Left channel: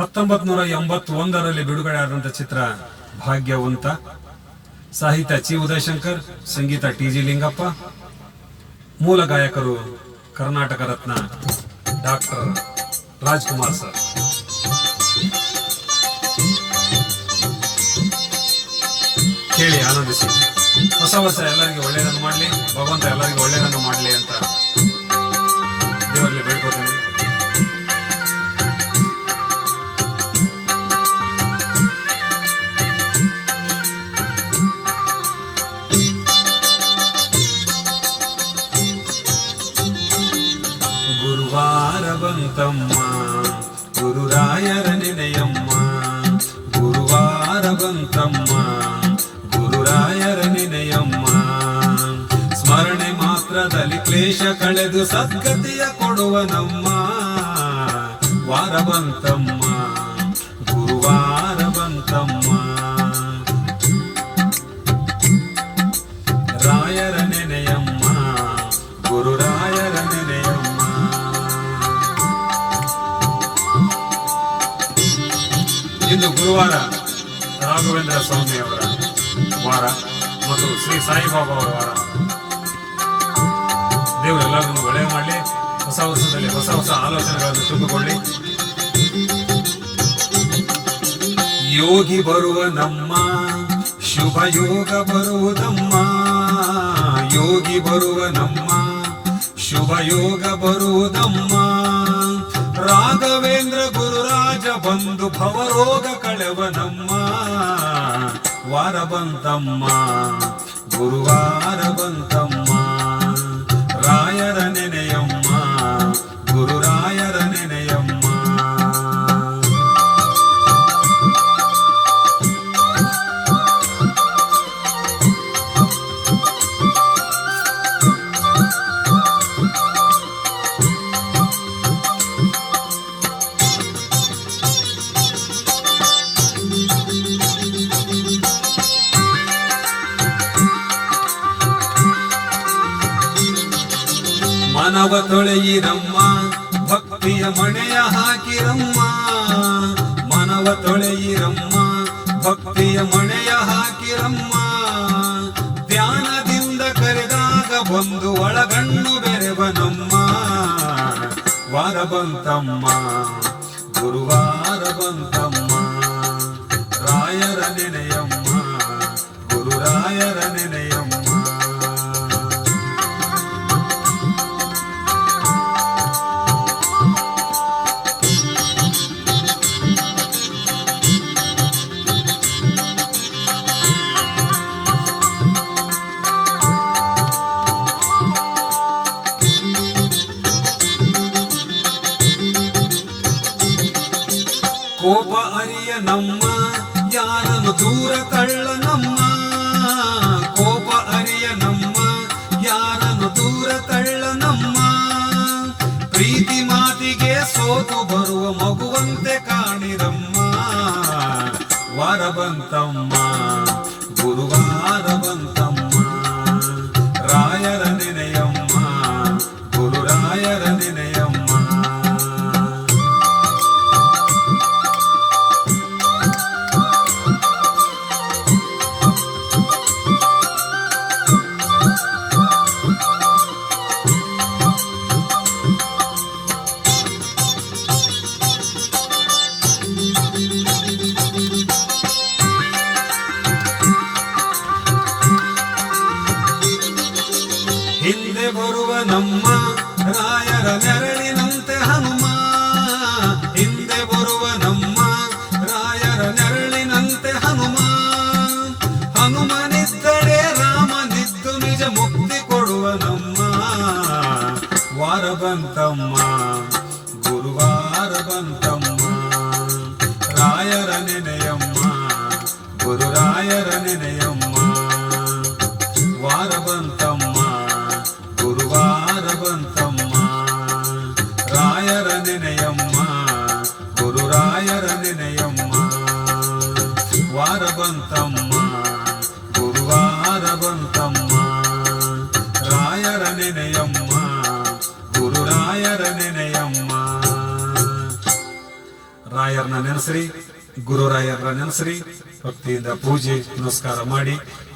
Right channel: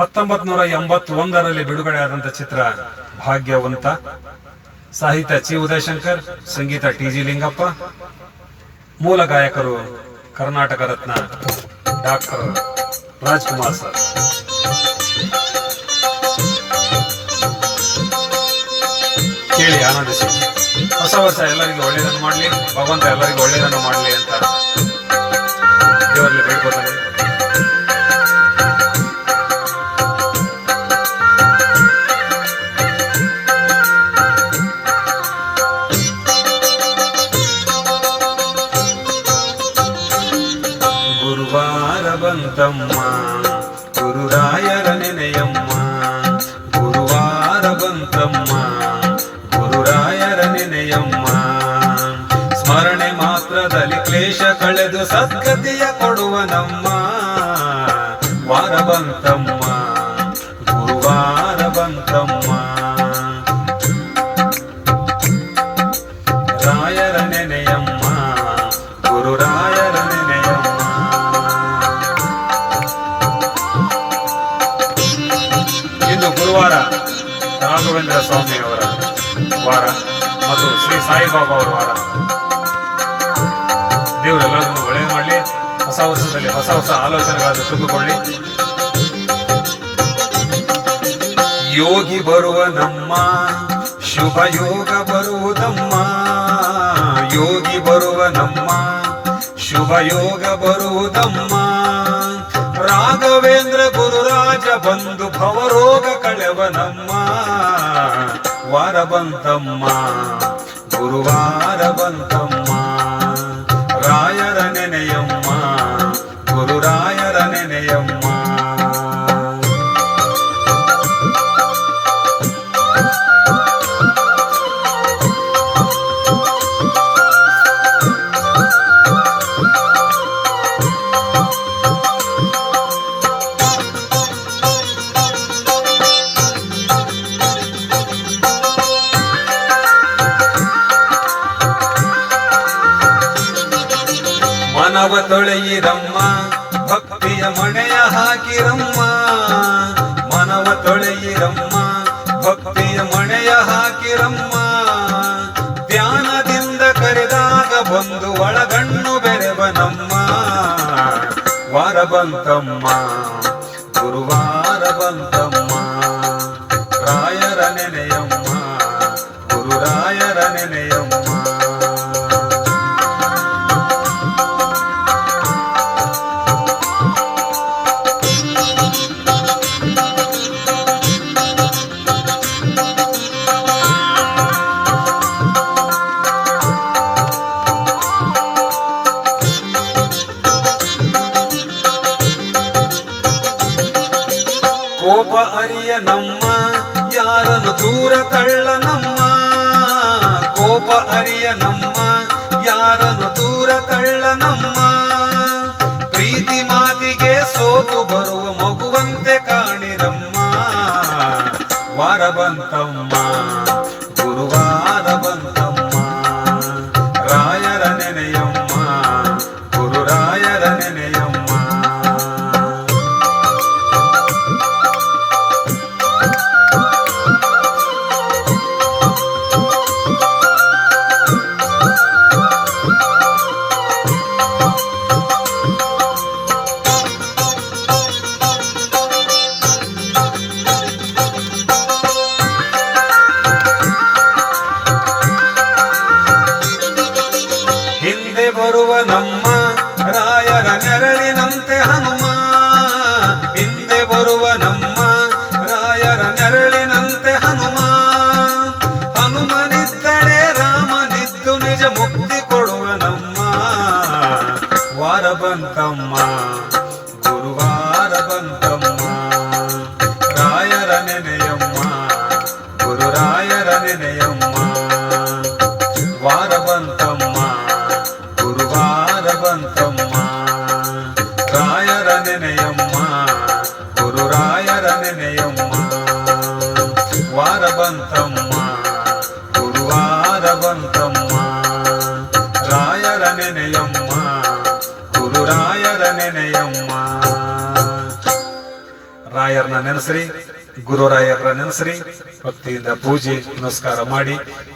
1981ರಲ್ಲಿ ಬಿಡುಗಡೆಯಾದಂಥ ಚಿತ್ರ ಭಾಗ್ಯವಂತ. ಸಾಹಿತ್ಯ ಚಿ ಉದಯಶಂಕರ್, ಸಂಗೀತ ಟಿ.ಜಿ. ಲಿಂಗಪ್ಪ, ಮೂಲ ಗಾಯಕರು ಕರ್ನಾಟಕ ರತ್ನ ಡಾಕ್ಟರ್ ರಾಜ್ಕುಮಾರ್ ಸರ್. ಕೇಳಿ ಆನಂದಿಸಿ. ಹೊಸ ವರ್ಷ ಎಲ್ಲರಿಗೂ ಒಳ್ಳೆಯದನ್ನು ಮಾಡಲಿ, ಭಗವಂತ ಎಲ್ಲರಿಗೂ ಒಳ್ಳೆಯದನ್ನು ಮಾಡಲಿ ಅಂತ ದೇವರಲ್ಲಿ ಬೇಡ್ಕೋತಾನೆ. ಗುರುವಾರ ಬಂತಮ್ಮ ಗುರುರಾಯರ ನೆನೆಯಮ್ಮ, ಗುರುವಾರ ಬಂತಮ್ಮ ಗುರುರಾಯರ ನೆನೆಯಮ್ಮ. ಸ್ಮರಣೆ ಮಾತ್ರದಲ್ಲಿ ಕ್ಲೇಶ ಕಳೆದು ಸದ್ಗತಿಯ ಕೊಡುವ ನಮ್ಮ ವಾರ ಬಂತಮ್ಮ ಗುರುವಾರ ಬಂತಮ್ಮ. ರಾಯರ ನೆನೆಯಮ್ಮ ಗುರುರಾಯರ ನೆನೆಯಮ್ಮ. ಇಂದು ಗುರುವಾರ ರಾಘವೇಂದ್ರ ಸ್ವಾಮಿಯವರ ವಾರ ಮತ್ತು ಶ್ರೀ ಸಾಯಿಬಾಬಾ ಅವರ ವಾರ. ದೇವರೆಲ್ಲರನ್ನು ಒಳ್ಳೆಯ ಮಾಡಲಿ. ಹೊಸ ವರ್ಷದಲ್ಲಿ ಹೊಸ ಹೊಸ ಆಲೋಚನೆಗಳನ್ನು ತುಂಬಿಕೊಳ್ಳಿ. ಯೋಗಿ ಬರುವ ನಮ್ಮ ಶುಭ ಯೋಗ ಬರುವುದಮ್ಮ, ಯೋಗಿ ಬರುವ ನಮ್ಮ ಶುಭ ಯೋಗ ಬರುವುದಮ್ಮ. ರಾಘವೇಂದ್ರ ಗುರುರಾಜ ಬಂದು ಭವರೋಗ ಕಳೆವ ನಮ್ಮ ವಾರ ಬಂತಮ್ಮ ಗುರುವಾರ ಬಂತಮ್ಮ. ರಾಯರ ನೆನೆಯಮ್ಮ ಗುರುರಾಯರ ನೆನೆಯಮ್ಮ. ಮನವ ತೊಳೆಯಿರಮ್ಮ ಭಕ್ತಿಯ ಮಣೆಯ ಹಾಕಿರಮ್ಮ, ಮನವ ತೊಳೆಯಿರಮ್ಮ ಭಕ್ತಿಯ ಮಣೆಯ ಹಾಕಿರಮ್ಮ. ಧ್ಯಾನದಿಂದ ಕರೆದಾಗ ಬಂದು ಒಳಗಣ್ಣು ಬೆರೆವ ನಮ್ಮ ವಾರ ಬಂತಮ್ಮ ಗುರುವಾರ ಬಂತಮ್ಮ. ರಾಯರ ನೆನೆಯಮ್ಮ ಗುರುರಾಯರ ನೆನೆಯಮ್ಮ. ಕೋಪ ಅರಿಯ ನಮ್ಮ ಯಾರನ್ನು ದೂರ ತಳ್ಳ ನಮ್ಮ, ಕೋಪ ಅರಿಯ ನಮ್ಮ ಯಾರನ್ನು ದೂರ ತಳ್ಳ ನಮ್ಮ. ಪ್ರೀತಿ ಮಾತಿಗೆ ಸೋತು ಬರುವ ಮಗುವಂತೆ ಕಾಣಿರಮ್ಮ ವಾರ ಬಂತಮ್ಮ ಗುರುವಾರ ಬಂತಮ್ಮ. ರಾಯರ ನೆನೆಯಮ್ಮ ಗುರುರಾಯರ ನೆನೆಯಮ್ಮ. ಹಿಂದೆ ಬರುವ ನಮ್ಮ ರಾಯರ ನೆರಳಿನಂತೆ ಹನುಮ, ಹಿಂದೆ ಬರುವ ನಮ್ಮ ರಾಯರ ನೆರಳಿನಂತೆ ಹನುಮ. ಹನುಮನಿದ್ದಳೆ ರಾಮನಿದ್ದು ನಿಜ ಮುಕ್ತಿ ಕೊಡುವ ನಮ್ಮ ವಾರ ಬಂತಮ್ಮ ಗುರುವಾರ ಬಂತಮ್ಮ. ರಾಯರ ನೆನೆಯಮ್ಮ ಗುರುರಾಯರ ನೆನೆಯಮ್ಮ. ವಾರ ಬಂತಮ್ಮ ಗುರುವಾರ ಬಂತಮ್ಮ. ರಾಯರ ನೆನೆಯಮ್ಮ ಗುರುರಾಯರ ನೆನೆಯಮ್ಮ. ವಾರ ಬಂತಮ್ಮ ಗುರುವಾರ ಬಂತಮ್ಮ. ರಾಯರ ನೆನೆಯಮ್ಮ ಗುರುರಾಯರ ನೆನೆಯಮ್ಮ. ರಾಯರನ್ನ ನೆನೆಸ್ರಿ, ಗುರು ರಾಯರನ್ನ ನೆನೆಸ್ರಿ, ಭಕ್ತಿಯಿಂದ ಪೂಜೆ ನಮಸ್ಕಾರ ಮಾಡಿ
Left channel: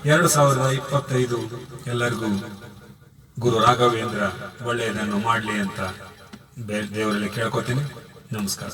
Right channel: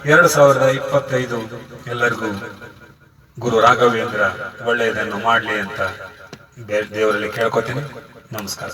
2025 ಎಲ್ಲರಿಗೂ ಗುರು ರಾಘವೇಂದ್ರ ಒಳ್ಳೆಯದನ್ನು ಮಾಡಲಿ ಅಂತ ದೇವರಲ್ಲಿ ಕೇಳ್ಕೊತೀನಿ. ನಮಸ್ಕಾರ.